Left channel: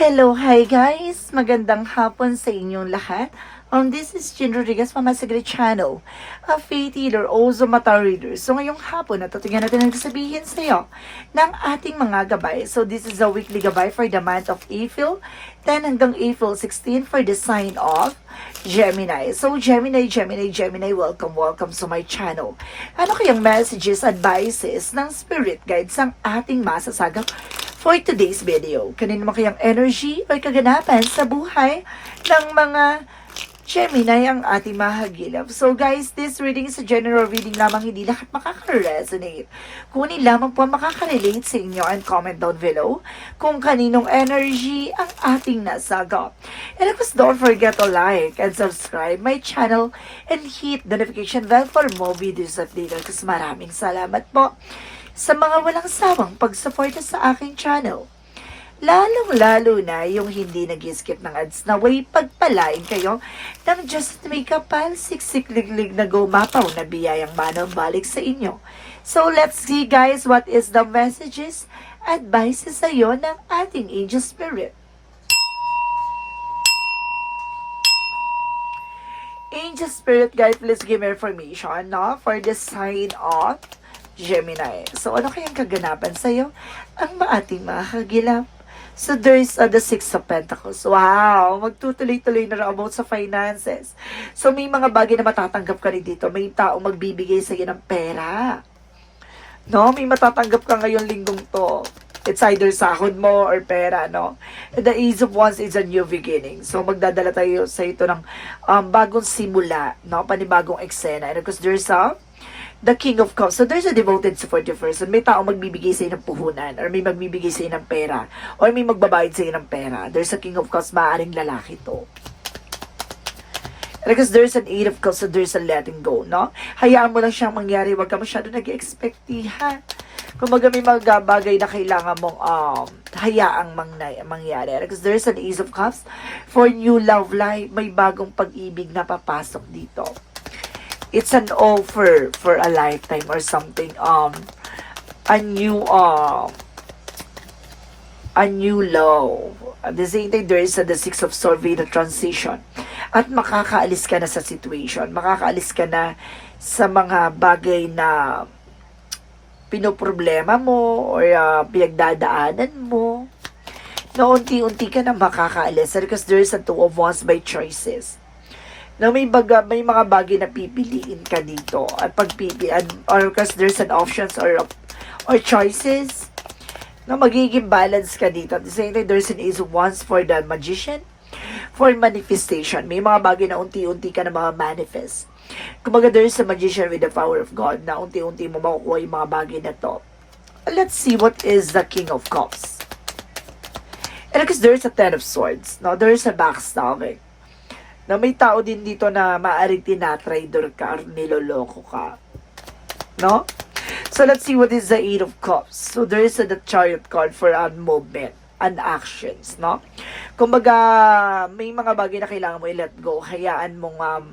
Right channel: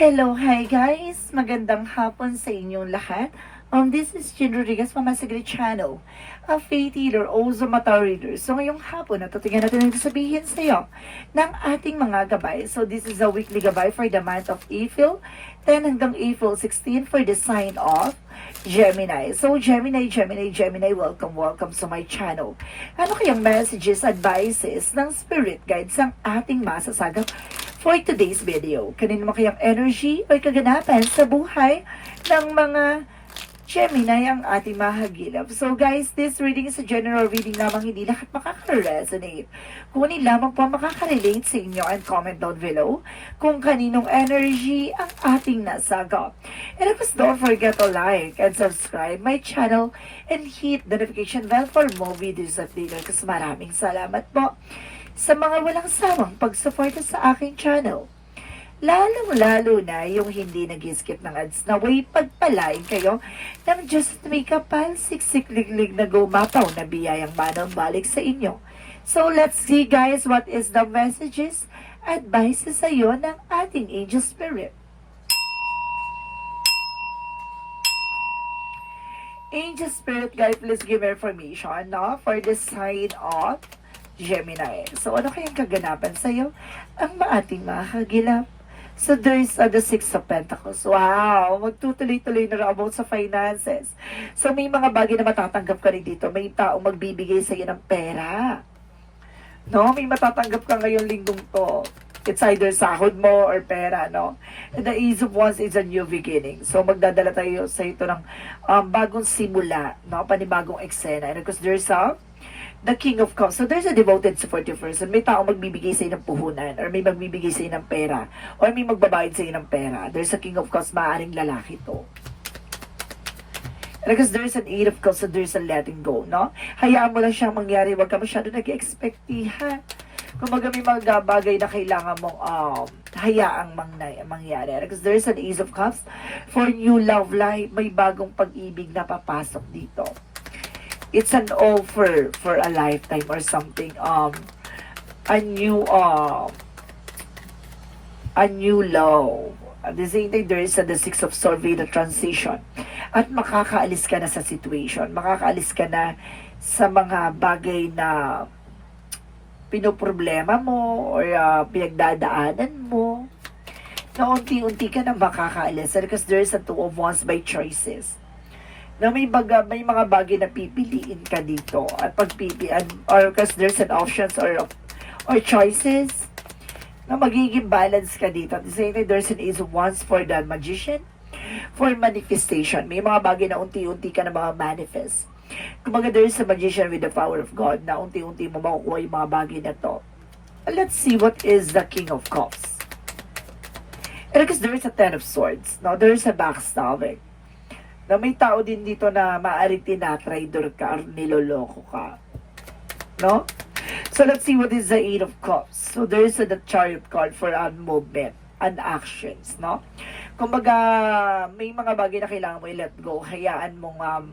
Hello, hi guys! Magandang hapon sa inyong lahat. Um, this is Jen Rodriguez from my Secret Channel, a faith healer, also mata reader. So ngayong hapon, natutugan natin ang sabihin sa iyo ng ating mga gabay. So this is a weekly gabay for the month of April, 10 hanggang April 16 for the sign of Gemini. So Gemini, Gemini, Gemini, welcome, welcome to my channel. Ano kayang messages, advices ng spirit guides ang ating masasagap for today's video. Kanino mo kayang energy o kaganapan sa buhay ng mga Gemini ang ating mahagilap. So guys, this reading is a general reading lamang hindi lahat makaka-resonate. Kunin lamang po makaka-relate sa inyo and comment down below kung kaninong energy ang ating nasagap. And of course, don't forget to like and subscribe my channel and hit the notification bell for more videos at later. Kasi maraming salamat po sa mga walang sawang pagsuporta sa aking channel. Lalong-lalo na yung hindi nag-skip ng ads na way pagpalain kayo ng at may kapal siksik-liglig na gumapaw na biyayang manong balik sa inyo. So let's see guys what is the messages, advices sa iyo ng ating angel spirit. Angel Spirit Guide, please give me information no, for the sign of Gemini. So, ano kayang kaganapan sa'yo? Ang maating makagilap. So, there's uh, the Six of Pentacles. Wow! Magtutuloy-tuloy na about sa finances. So, may mga bagay na matatanggap ka rin dito. May tao magbibigay sa'yo ng pera. No? May matatanggap ka ngayong linggong to. It's either sahod mo or pera, no? And the Ace of Wands is a new beginning. So, magdadala tayo sa ito ng um, bagong simula, no? Panibagong eksena. And of course, there's a the King of Cups. So, there's a devoted supportive person. May tao magbibigay sa ng puhunan or may magbibigay sa ng pera or may magbabayad sa ng pera. There's a King of Cups, maaaring lalaki to. Because there's an eight of cups, so there's a letting go, no? Hayaan mo lang siyang mangyari. Huwag ka masyado nag-expectihan. Kumbaga may mga bagay na kailangan mong um, hayaang mangnay, mangyari. Because there's an ace of cups for new love life. May bagong pag-ibig na papasok dito. It's an offer for a lifetime or something. Um, a new, um, a new love. At the same time, there is a, the Six of Swords with a transition. At makakaalis ka na sa situation. Makakaalis ka na sa mga bagay na pinoproblema mo or uh, pinagdadaanan mo. Na unti-unti ka na makakaalis. Because there is a two of wands by choices. Na may, baga, may mga bagay na pipiliin ka dito. At pagpipilian, or because there's an options or or choices na magiging balance ka dito. The same time, there's an of wands for the magician, for manifestation. May mga bagay na unti-unti ka na mga manifest. Kumbaga, there's a magician with the power of God na unti-unti mo makukuha yung mga bagay na to. Let's see what is the King of Cups. And because there's a Ten of Swords, no? there's a backstabbing. Na may tao din dito na maaaring tinatrader ka or niloloko ka. No? So let's see what is the Eight of Cups. So there is a the Chariot card for a movement and actions, no? Kumbaga, may mga bagay na kailangan mo i-let go. Hayaan mong um,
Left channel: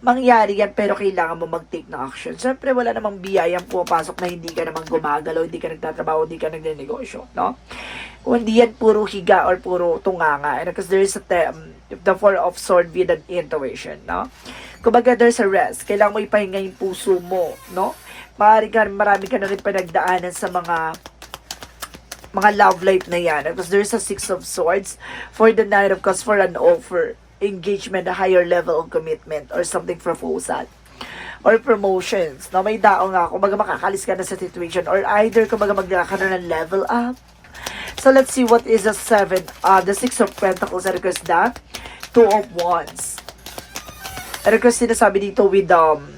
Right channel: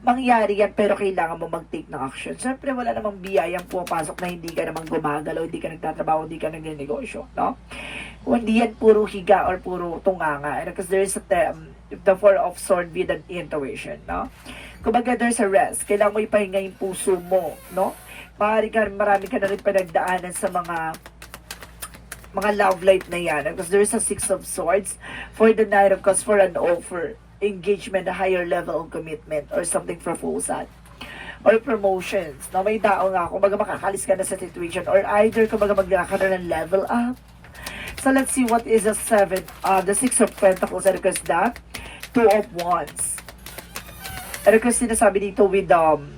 mangyari yan, pero kailangan mo mag-take ng action. Siyempre, wala namang biyayang pumapasok na hindi ka naman gumagalaw, hindi ka nagtatrabaho, hindi ka nagnegosyo, no? Kung hindi yan puro higa or puro tunganga. And because there is a term, the Four of Sword with an intuition, no? Kumbaga, there's a rest. Kailangan mo ipahinga yung puso mo, no? Maaari ka, marami ka na rin pinagdaanan sa mga mga love life na yan. Because there's a Six of Swords for the Knight of Cups for an offer, engagement, a higher level of commitment, or something proposal or promotions. No, may tao nga, kumbaga makakalis ka na sa situation or either kumbaga magla ka na ng level up. So let's see what is the seven, uh, the six of pentacles and because that, two of wands. And because sinasabi dito with um,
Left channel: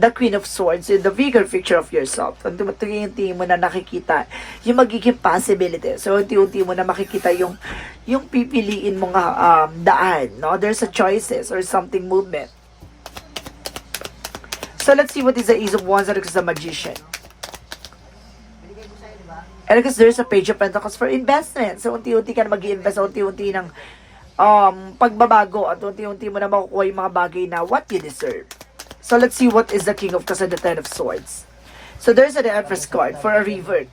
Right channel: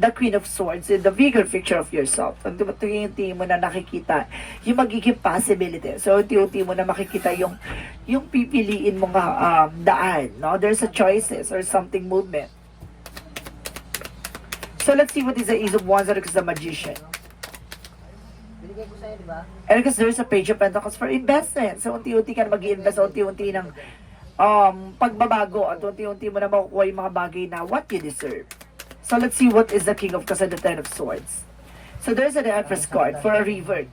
the Queen of Swords, in the bigger picture of yourself. Pag tumutungin mo na nakikita yung magiging possibility. So, unti-unti mo na makikita yung yung pipiliin mo nga um, daan. No? There's a choices or something movement. So, let's see what is the Ace of Wands and the Magician. And because there's a Page of Pentacles for investment. So, unti-unti ka na mag-invest, unti-unti ng um, pagbabago at unti-unti mo na makukuha yung mga bagay na what you deserve. So let's see what is the King of Cups and the Ten of Swords. So there's an Empress card for a revert.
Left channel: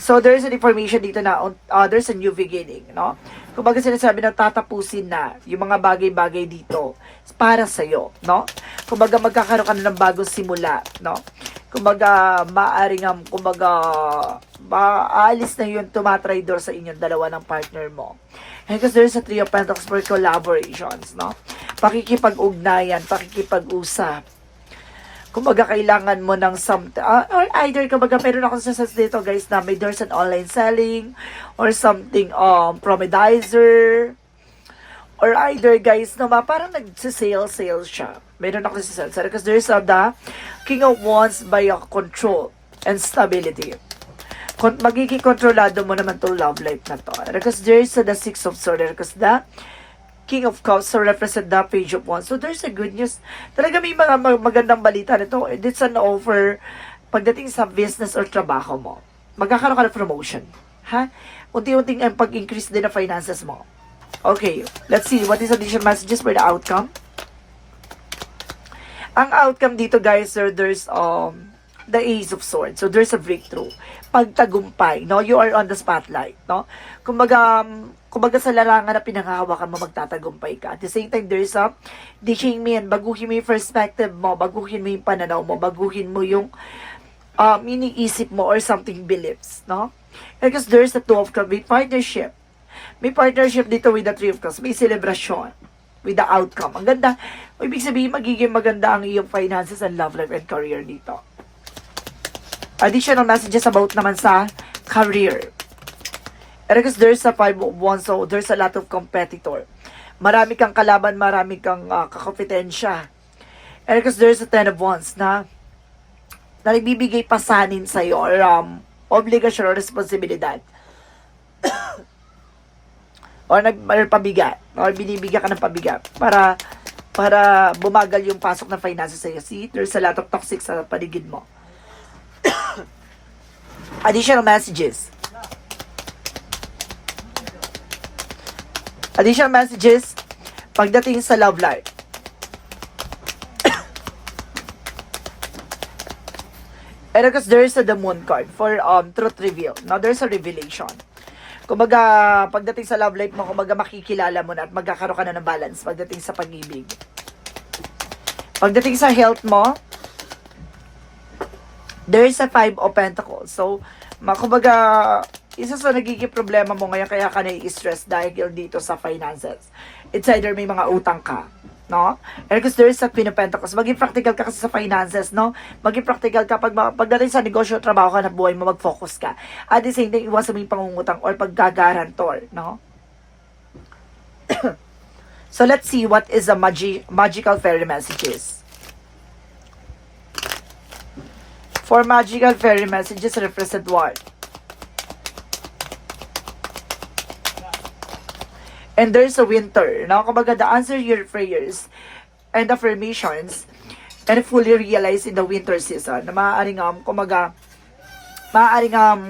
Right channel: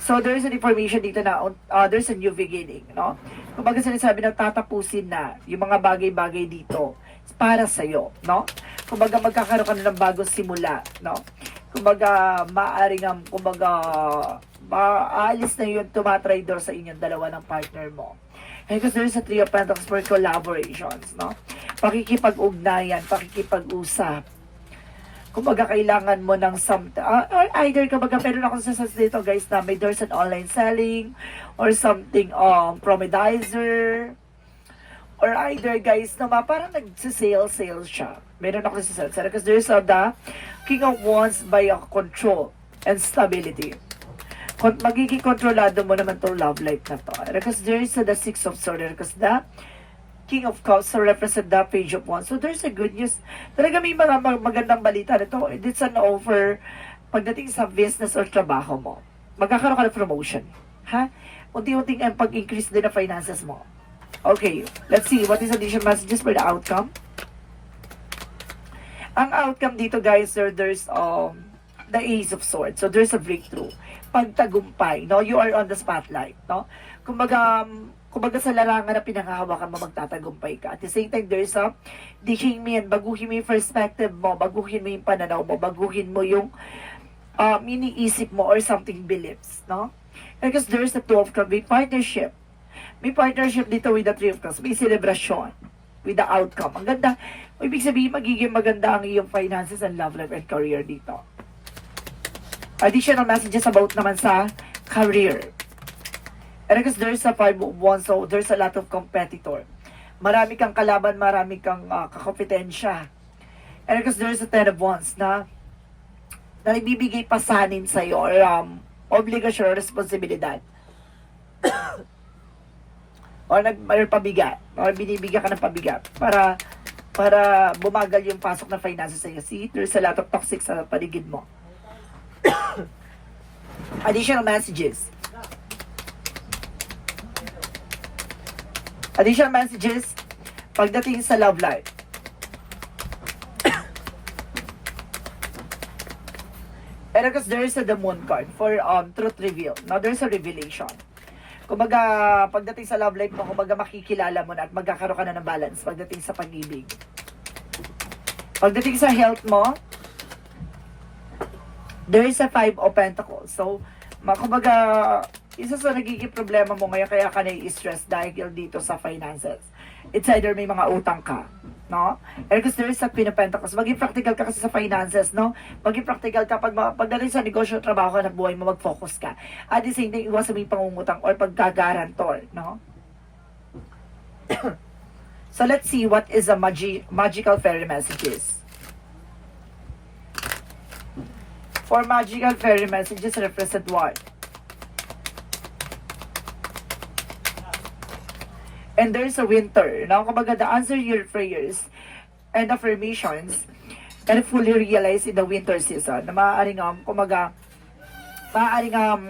So, there's an information dito na uh, there's a new beginning, no? Kumbaga sinasabi na tatapusin na yung mga bagay-bagay dito para sa'yo, no? Kumbaga magkakaroon ka na ng bagong simula, no? Kumbaga, maaaring, um, kumbaga, maalis na yun tumatraidor sa inyong dalawa ng partner mo. Because there's a three of pentacles for collaborations, no? Pakikipag-ugnayan, pakikipag-usap, kumbaga kailangan mo ng some uh, or either kumbaga meron ako sa dito guys na may there's an online selling or something um promedizer. Or either guys na ma, parang nagsisale sale siya. Meron ako sa sale because there's a the king of wands by a control and stability magiging kontrolado mo naman tong love life na to because there's a the six of swords because the King of Cups so represent the page of wands. So there's a good news. Talaga may mga mag- magandang balita nito. It's an offer pagdating sa business or trabaho mo. Magkakaroon ka ng promotion. Ha? Unti-unting ang pag-increase din ng finances mo. Okay, let's see. What is additional messages for the outcome? Ang outcome dito guys, sir, there's um the Ace of Swords. So there's a breakthrough. Pagtagumpay, no? You are on the spotlight, no? Kumbaga, um, kumbaga sa larangan na pinanghahawakan mo, magtatagumpay ka. At the same time, there's a teaching me and baguhin mo yung perspective mo, baguhin mo yung pananaw mo, baguhin mo yung um, iniisip mo or something beliefs, no? Because there's a two of cups, may partnership. May partnership dito with the three of cups, may celebration with the outcome. Ang ganda. Ibig sabihin, magiging maganda ang iyong finances and love life and career dito. Additional messages about naman sa career. Because there's a five of wands, so there's a lot of competitor. Marami kang kalaban, marami kang uh, kakompetensya. Because there's a ten of wands na na ibibigay pasanin sa iyo or um, obligasyon or responsibilidad. or nag or binibigyan ka ng pabigat para para bumagal yung pasok ng finances sa iyo. See, there's a lot of toxic sa paligid mo. Additional messages. Additional messages pagdating sa love life. And because there is a the moon card for um truth reveal. Now there's a revelation. Kumbaga, pagdating sa love life mo, kumbaga makikilala mo na at magkakaroon ka na ng balance pagdating sa pag-ibig. Pagdating sa health mo, there is a five of pentacles. So, kumbaga, isa sa nagiging problema mo ngayon kaya ka nai-stress dahil dito sa finances. It's either may mga utang ka, no? And because there is a queen of pentacles, maging practical ka kasi sa finances, no? Maging practical ka pag pagdating sa negosyo, trabaho ka na buhay mo, mag-focus ka. At the same time, iwasan mo yung pangungutang or paggagarantor, no? so let's see what is the magi- magical fairy messages. For magical fairy messages represent what? And there's a winter, no? Kumbaga, the answer your prayers and affirmations and fully realize in the winter season na maaaring, um, kumbaga, maaaring, um,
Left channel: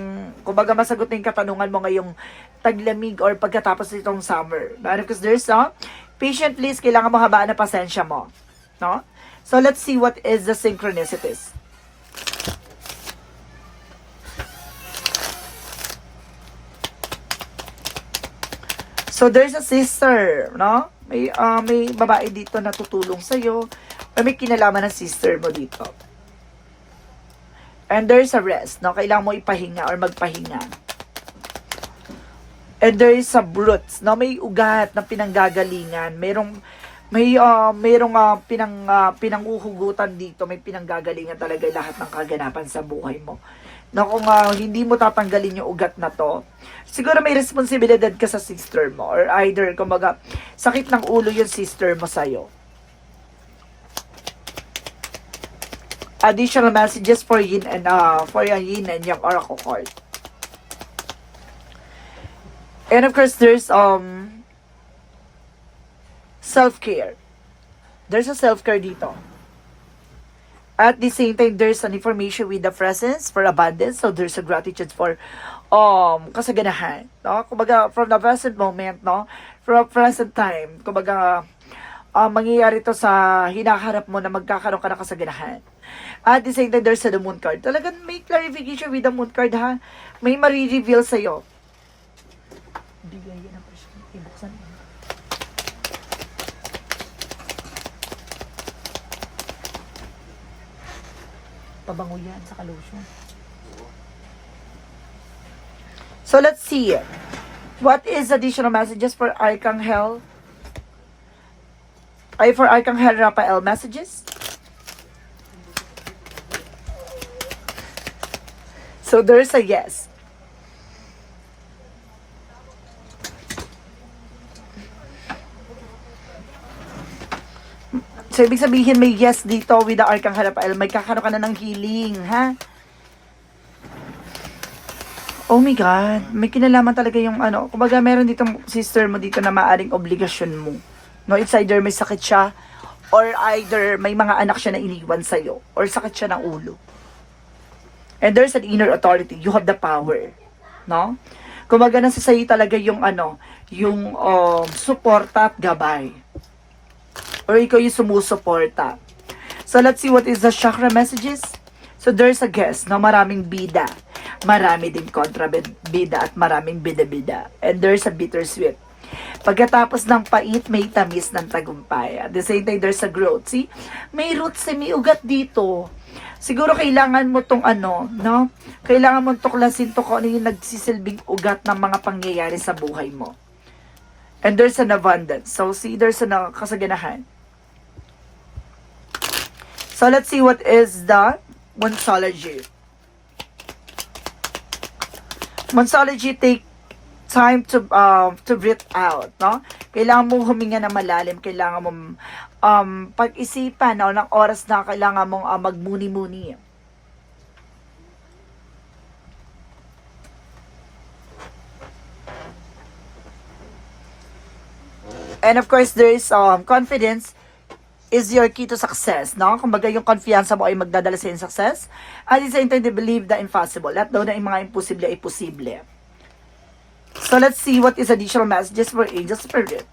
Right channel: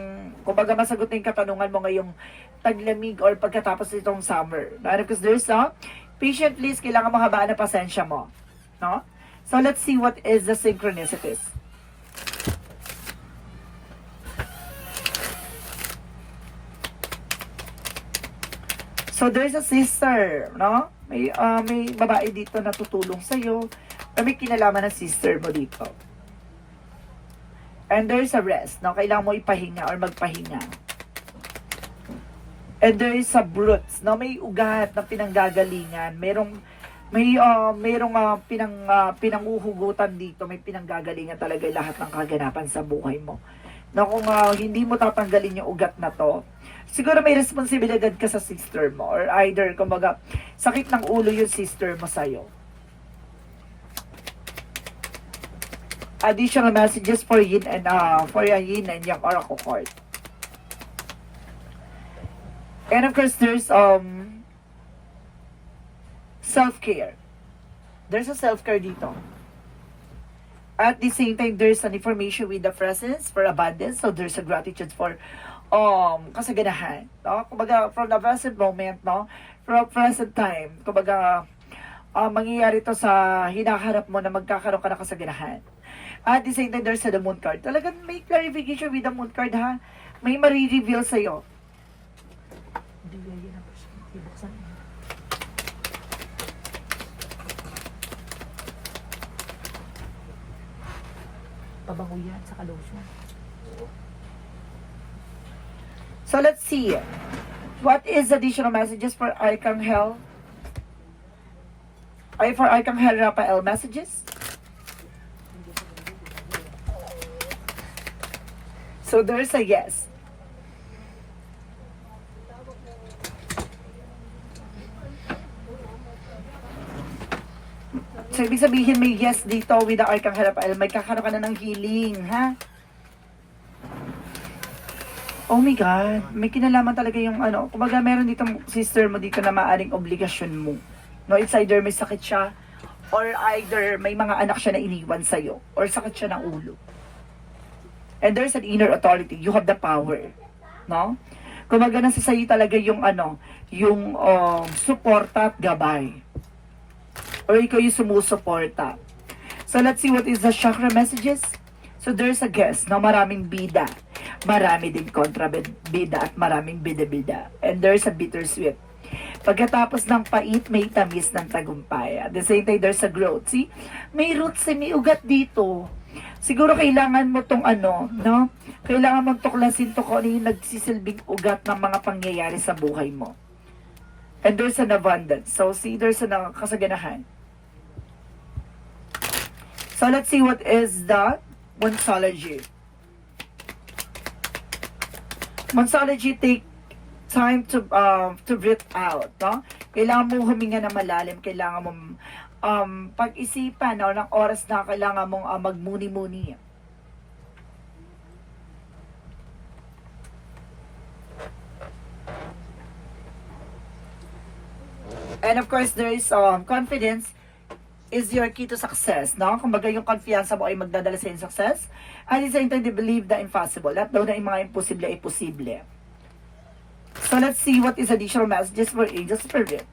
kumbaga, masagot na yung katanungan mo ngayong taglamig or pagkatapos nitong summer. Because there's a patient please, kailangan mo habaan na pasensya mo. No? So, let's see what is the synchronicities. So there's a sister, no? May ah, may babae dito na tutulong sa iyo. May kinalaman ng sister mo dito. And there's a rest, no? Kailangan mo ipahinga or magpahinga. And there is a brutes, no? May ugat na pinanggagalingan. Merong may ah, merong ah, pinang ah, pinanguhugutan dito, may pinanggagalingan talaga lahat ng kaganapan sa buhay mo. Na kung ah, hindi mo tatanggalin yung ugat na to, siguro may responsibilidad ka sa sister mo or either kumbaga sakit ng ulo yung sister mo sa'yo. Additional messages for yin and uh, for yung yin and yang oracle card. And of course, there's um self-care. There's a self-care dito. At the same time, there's an information with the presence for abundance. So there's a gratitude for um kasaganahan. No? Kumbaga, from the present moment, no? From present time, kumbaga, uh, mangyayari to sa hinaharap mo na magkakaroon ka ng kasaganahan. At the same time, there's the moon card. Talagang may clarification with the moon card, ha? May marireveal sa'yo. Pabango yan sa lotion. So let's see. What is additional messages for Archangel? Ay, for Archangel Raphael messages? So there's a yes. So, ibig sabihin may yes dito with the Archangel Raphael. May kakaroon ka na ng healing, ha? Oh my God, may kinalaman talaga yung ano. Kumbaga meron ditong sister mo dito na maaring obligasyon mo. No, it's either may sakit siya or either may mga anak siya na iniwan sa'yo or sakit siya ng ulo. And there's an inner authority. You have the power. No? Kumbaga nasa sa'yo talaga yung ano, yung um, suporta at gabay. Or ikaw yung sumusuporta. So let's see what is the chakra messages. So there's a guess na maraming bida. Marami din kontra bida at maraming bida-bida. And there's a bittersweet. Pagkatapos ng pait, may tamis ng tagumpay. At the same time, there's a growth. See? May roots, eh, may ugat dito. Siguro kailangan mo tong ano, no? Kailangan mo tuklasin to kung ano yung nagsisilbing ugat ng mga pangyayari sa buhay mo. And there's an abundance. So, see, there's an uh, kasaganahan. So, let's see what is the Monsology. Monsology take time to um to breathe out, no? Kailangan mo huminga na malalim, kailangan mo um pag-isipan no, ng oras na kailangan mong uh, magmuni-muni. And of course, there is um, confidence is your key to success, no? Kumbaga yung confiance mo ay magdadala sa yung success. At the same time, they believe the impossible. At daw na yung mga imposible ay posible. So let's see what is additional messages for angel spirit.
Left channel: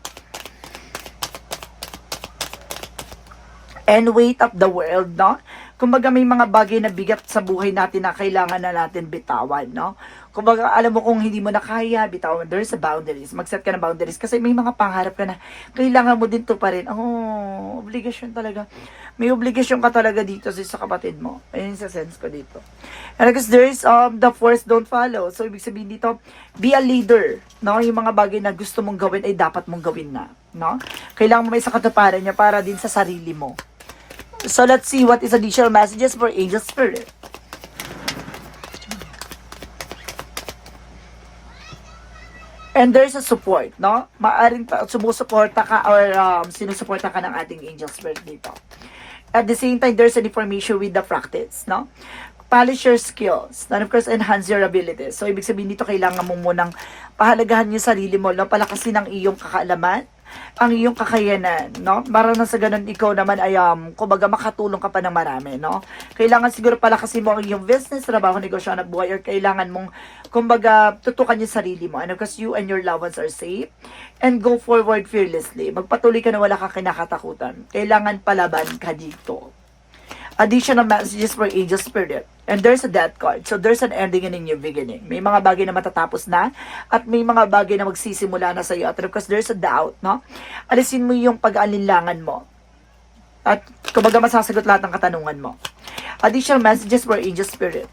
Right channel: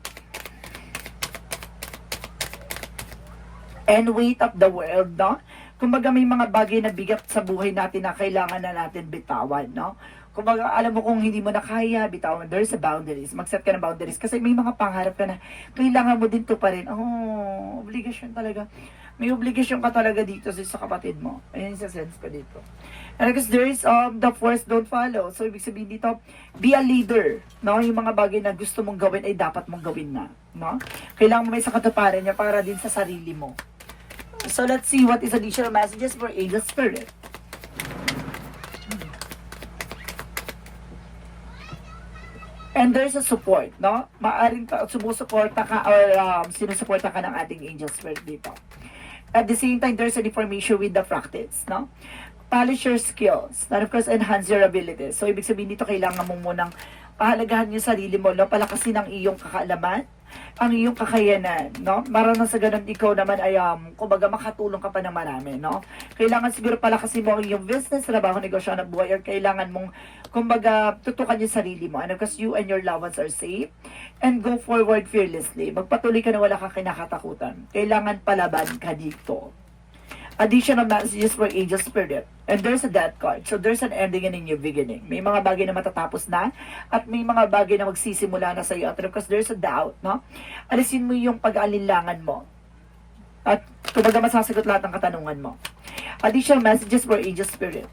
And weight of the world, no? Kumbaga may mga bagay na bigat sa buhay natin na kailangan na natin bitawan, no? Kumbaga alam mo kung hindi mo na kaya, bitawan. There's a boundaries. Mag-set ka ng boundaries. Kasi may mga pangarap ka na kailangan mo din to pa rin. Oh, obligasyon talaga. May obligasyon ka talaga dito sa, kapatid mo. Ayun sa sense ko dito. And because there is um, the force don't follow. So, ibig sabihin dito, be a leader. No? Yung mga bagay na gusto mong gawin ay dapat mong gawin na. No? Kailangan mo may sa katuparan niya para din sa sarili mo. So, let's see what is additional messages for angel spirit. And there's a support, no? Maaring pa- sumusuporta ka or um, sinusuporta ka ng ating angel spirit dito. At the same time, there's an information with the practice, no? Polish your skills. And of course, enhance your abilities. So, ibig sabihin dito, kailangan mo munang pahalagahan yung sarili mo, no? Palakasin ang iyong kakaalaman, ang iyong kakayanan, no? Marang sa ganun, ikaw naman ay, um, kumbaga, makatulong ka pa ng marami, no? Kailangan siguro palakasin mo ang iyong business, trabaho, negosyo, ng buhay, or kailangan mong, kumbaga, tutukan yung sarili mo. And of course, you and your loved ones are safe. And go forward fearlessly. Magpatuloy ka na wala kang kinakatakutan. Kailangan palaban ka dito additional messages for angel spirit. And there's a death card. So there's an ending and a new beginning. May mga bagay na matatapos na at may mga bagay na magsisimula na sa iyo. At because there's a doubt, no? Alisin mo yung pag-aalinlangan mo. At kumbaga masasagot lahat ng katanungan mo. Additional messages for angel spirit.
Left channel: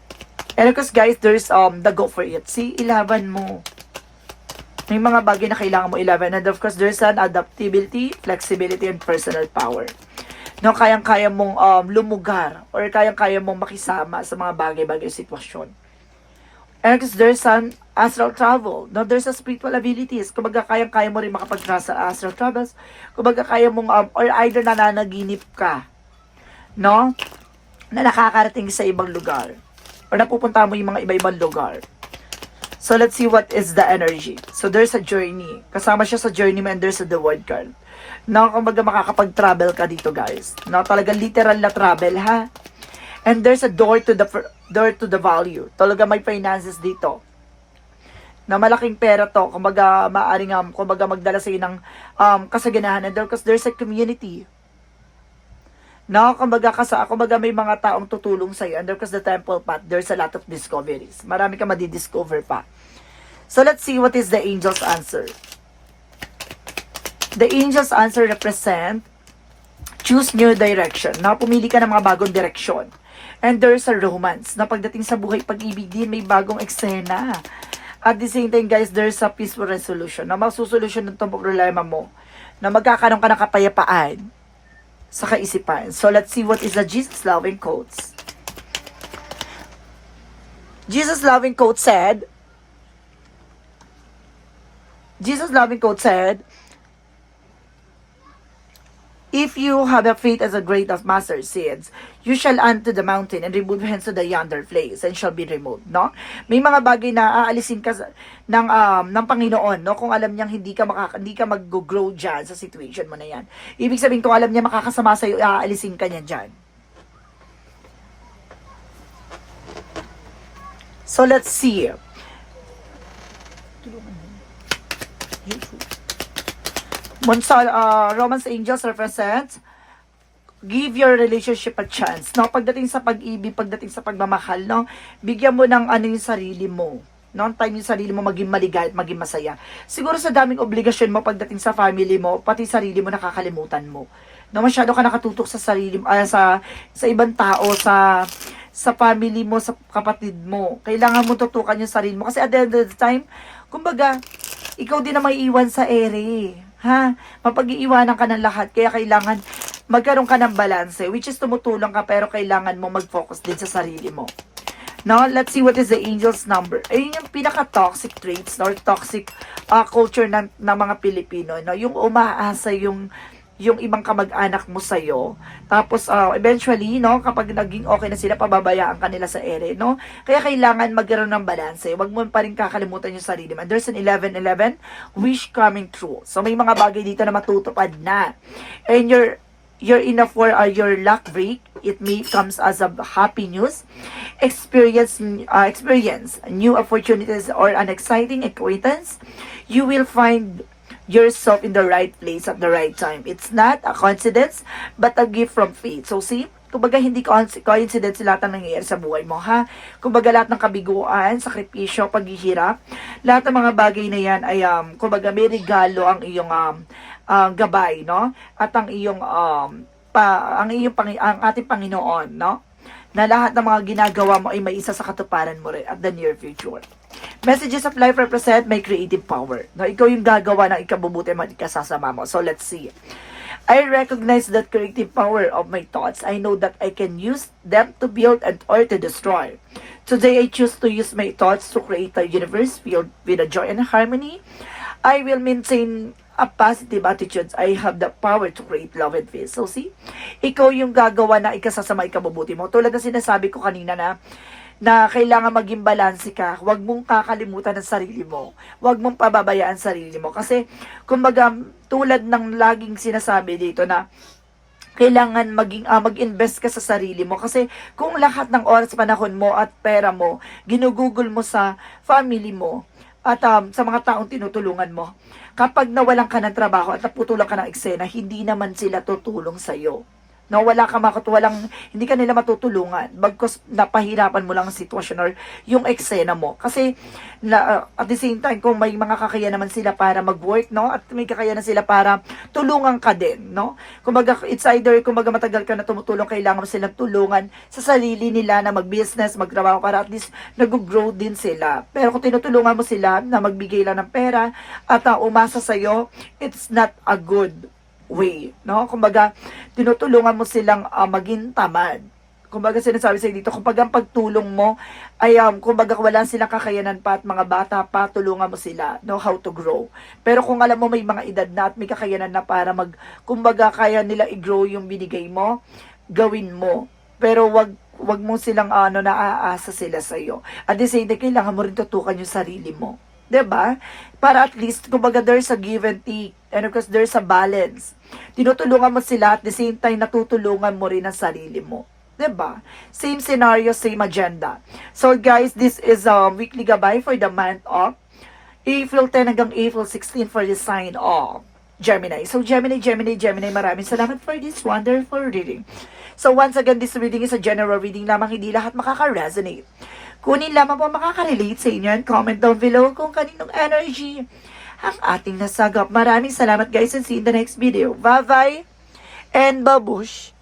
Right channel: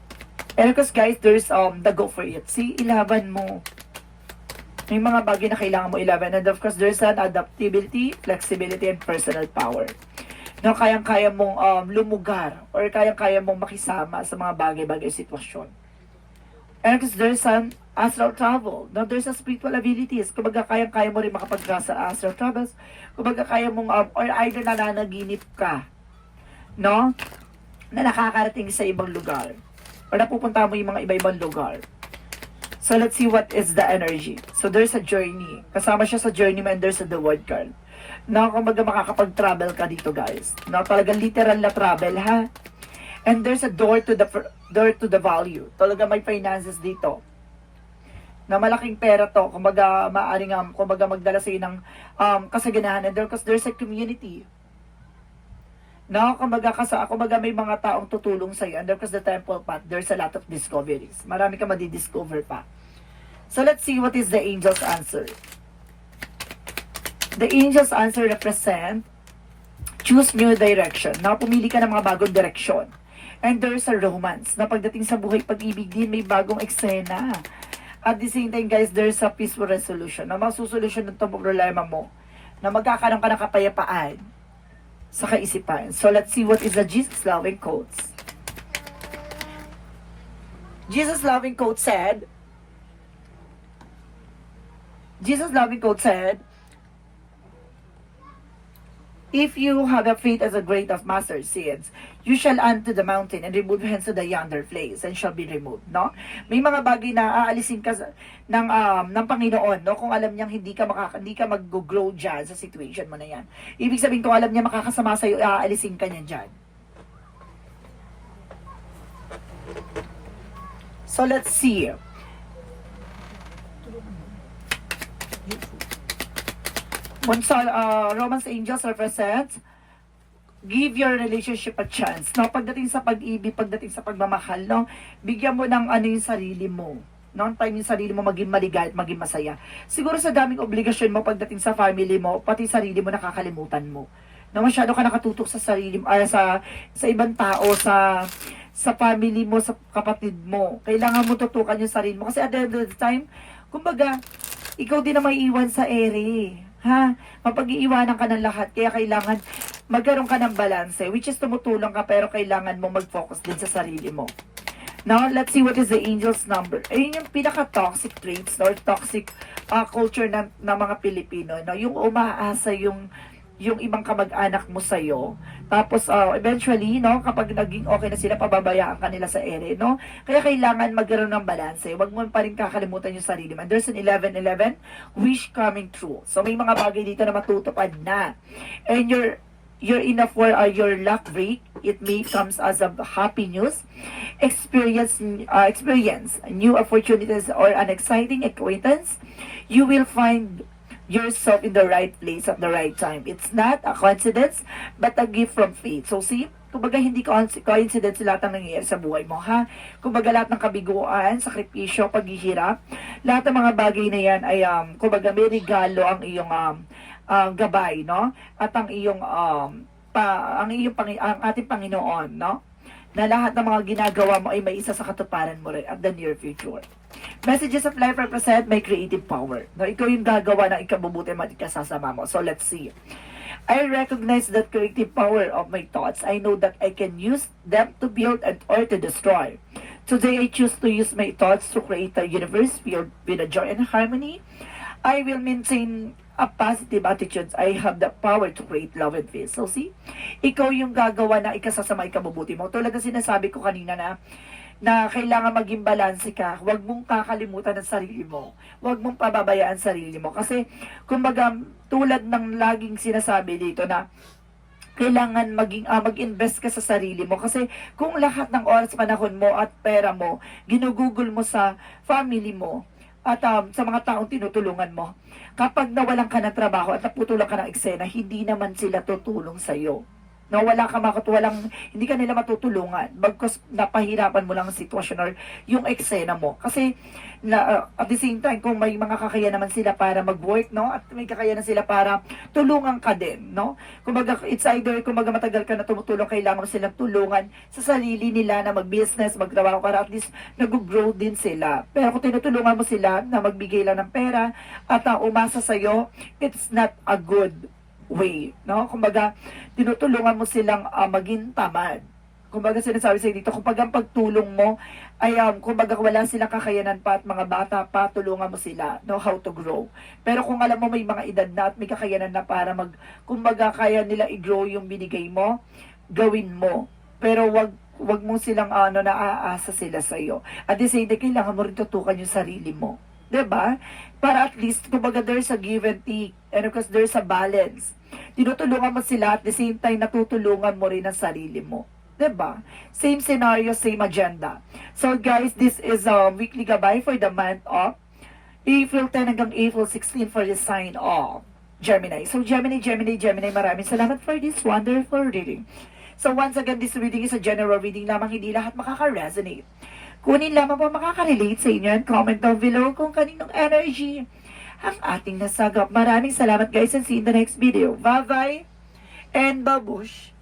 And because guys, there's um the go for it. See, ilaban mo. May mga bagay na kailangan mo ilaban. And of course, there's an adaptability, flexibility, and personal power no kayang-kaya mong um, lumugar or kayang-kaya mong makisama sa mga bagay-bagay sitwasyon. And there's an astral travel, no, there's a spiritual abilities. Kumbaga, kayang-kaya mo rin makapagtra sa astral travels. Kumbaga, kaya mong, um, or either nananaginip ka, no, na nakakarating sa ibang lugar. Or napupunta mo yung mga iba-ibang lugar. So, let's see what is the energy. So, there's a journey. Kasama siya sa journey mo and there's a the word card na kumbaga makakapag-travel ka dito guys. Na talaga literal na travel ha. And there's a door to the door to the value. Talaga may finances dito. Na malaking pera to. Kumbaga maaring um, kumbaga magdala sa ng um, kasaganahan. And because there's a community. No, kumbaga kasi kumbaga may mga taong tutulong sa iyo. And because the temple path, there's a lot of discoveries. Marami ka madi-discover pa. So let's see what is the angel's answer. The angel's answer represent choose new direction. Na pumili ka ng mga bagong direksyon. And there's a romance. Na pagdating sa buhay pag-ibig din, may bagong eksena. At the same time, guys, there's a peaceful resolution. Na masusolusyon ng problema mo. Na magkakaroon ka ng kapayapaan sa kaisipan. So let's see what is the Jesus loving quotes. Jesus loving quote said, Jesus loving quote said, If you have a faith as a grain of mustard seeds, you shall unto the mountain and remove hence to the yonder place and shall be removed, no? May mga bagay na aalisin ka ng um, ng Panginoon, no? Kung alam niyang hindi ka makaka, hindi ka mag-grow diyan sa situation mo na 'yan. Ibig sabihin kung alam niya makakasama sa iyo, aalisin ka niya diyan. So let's see. Monsal, uh, Romance Angels represent give your relationship a chance. No, pagdating sa pag-ibig, pagdating sa pagmamahal, no, bigyan mo ng ano yung sarili mo. No, time yung sarili mo maging maligay at maging masaya. Siguro sa daming obligasyon mo pagdating sa family mo, pati sarili mo nakakalimutan mo. No, masyado ka nakatutok sa sarili mo, ah, sa sa ibang tao, sa sa family mo, sa kapatid mo. Kailangan mo tutukan yung sarili mo kasi at the end of the time, kumbaga, ikaw din na may iwan sa ere. Ha? Mapag-iiwanan ka ng lahat. Kaya kailangan magkaroon ka ng balance. Which is tumutulong ka pero kailangan mo mag-focus din sa sarili mo. No, let's see what is the angel's number. Ayun yung pinaka-toxic traits no? or toxic uh, culture ng, ng mga Pilipino. No? Yung umaasa yung yung ibang kamag-anak mo sa'yo. Tapos, uh, eventually, no, kapag naging okay na sila, pababayaan ka nila sa ere, no? Kaya kailangan magkaroon ng balance. Huwag mo pa rin kakalimutan yung sarili mo. And there's an 11-11, wish coming true. So, may mga bagay dito na matutupad na. And your your enough for uh, your luck break it may comes as a happy news experience uh, experience new opportunities or an exciting acquaintance you will find yourself in the right place at the right time. It's not a coincidence, but a gift from fate. So see, kumbaga hindi coinc- coincidence lahat ng nangyayari sa buhay mo, ha? Kumbaga lahat ng kabiguan, sakripisyo, paghihirap, lahat ng mga bagay na yan ay, um, kumbaga may regalo ang iyong um, uh, gabay, no? At ang iyong, um, pa, ang iyong, ang ating Panginoon, no? Na lahat ng mga ginagawa mo ay may isa sa katuparan mo rin at the near future. Messages of life represent may creative power. No, ikaw yung gagawa ng ikabubuti man ikasasama mo. So let's see. I recognize that creative power of my thoughts. I know that I can use them to build and or to destroy. Today I choose to use my thoughts to create a universe filled with a joy and harmony. I will maintain a positive attitude. I have the power to create love and peace. So see, ikaw yung gagawa na ikasasama ikabubuti mo. Tulad na sinasabi ko kanina na na kailangan maging balanse ka. Huwag mong kakalimutan ang sarili mo. Huwag mong pababayaan sarili mo. Kasi, kumbaga, tulad ng laging sinasabi dito na kailangan maging ah, mag-invest ka sa sarili mo kasi kung lahat ng oras panahon mo at pera mo ginugugol mo sa family mo at um, sa mga taong tinutulungan mo kapag nawalan ka ng trabaho at naputulan ka ng eksena hindi naman sila tutulong sa iyo na wala ka makot walang hindi ka nila matutulungan bagkus napahirapan mo lang ang sitwasyon or yung eksena mo. Kasi na, uh, at the same time kung may mga kakayahan naman sila para mag-work no at may kakayahan sila para tulungan ka din no? Kumbaga it's either kumbaga matagal ka na tumutulong kailangan mo silang tulungan sa sarili nila na mag-business magtrabaho para at least nag-grow din sila. Pero kung tinutulungan mo sila na magbigay lang ng pera at uh, umasa sa iyo it's not a good way, no? Kumbaga, tinutulungan mo silang ah, maging tamad. Kumbaga, sinasabi sa dito, kapag ang pagtulong mo ay, um, kumbaga, wala silang kakayanan pa at mga bata pa, tulungan mo sila, no, how to grow. Pero kung alam mo may mga edad na at may kakayanan na para mag, kumbaga, kaya nila i-grow yung binigay mo, gawin mo. Pero wag wag mo silang ano naaasa sila sa iyo. At the same kailangan mo rin tutukan yung sarili mo. 'Di ba? Para at least kumbaga there's a give and take and because there's a balance. Tinutulungan mo sila at the same time natutulungan mo rin ang sarili mo. 'Di ba? Same scenario, same agenda. So guys, this is a weekly gabay for the month of April 10 hanggang April 16 for the sign of Gemini. So Gemini, Gemini, Gemini, maraming salamat for this wonderful reading. So once again, this reading is a general reading lamang, hindi lahat makaka-resonate. Kunin lamang po makaka-relate sa inyo and comment down below kung kaninong energy ang ating nasagap. Maraming salamat guys and see you in the next video. Bye-bye and babush!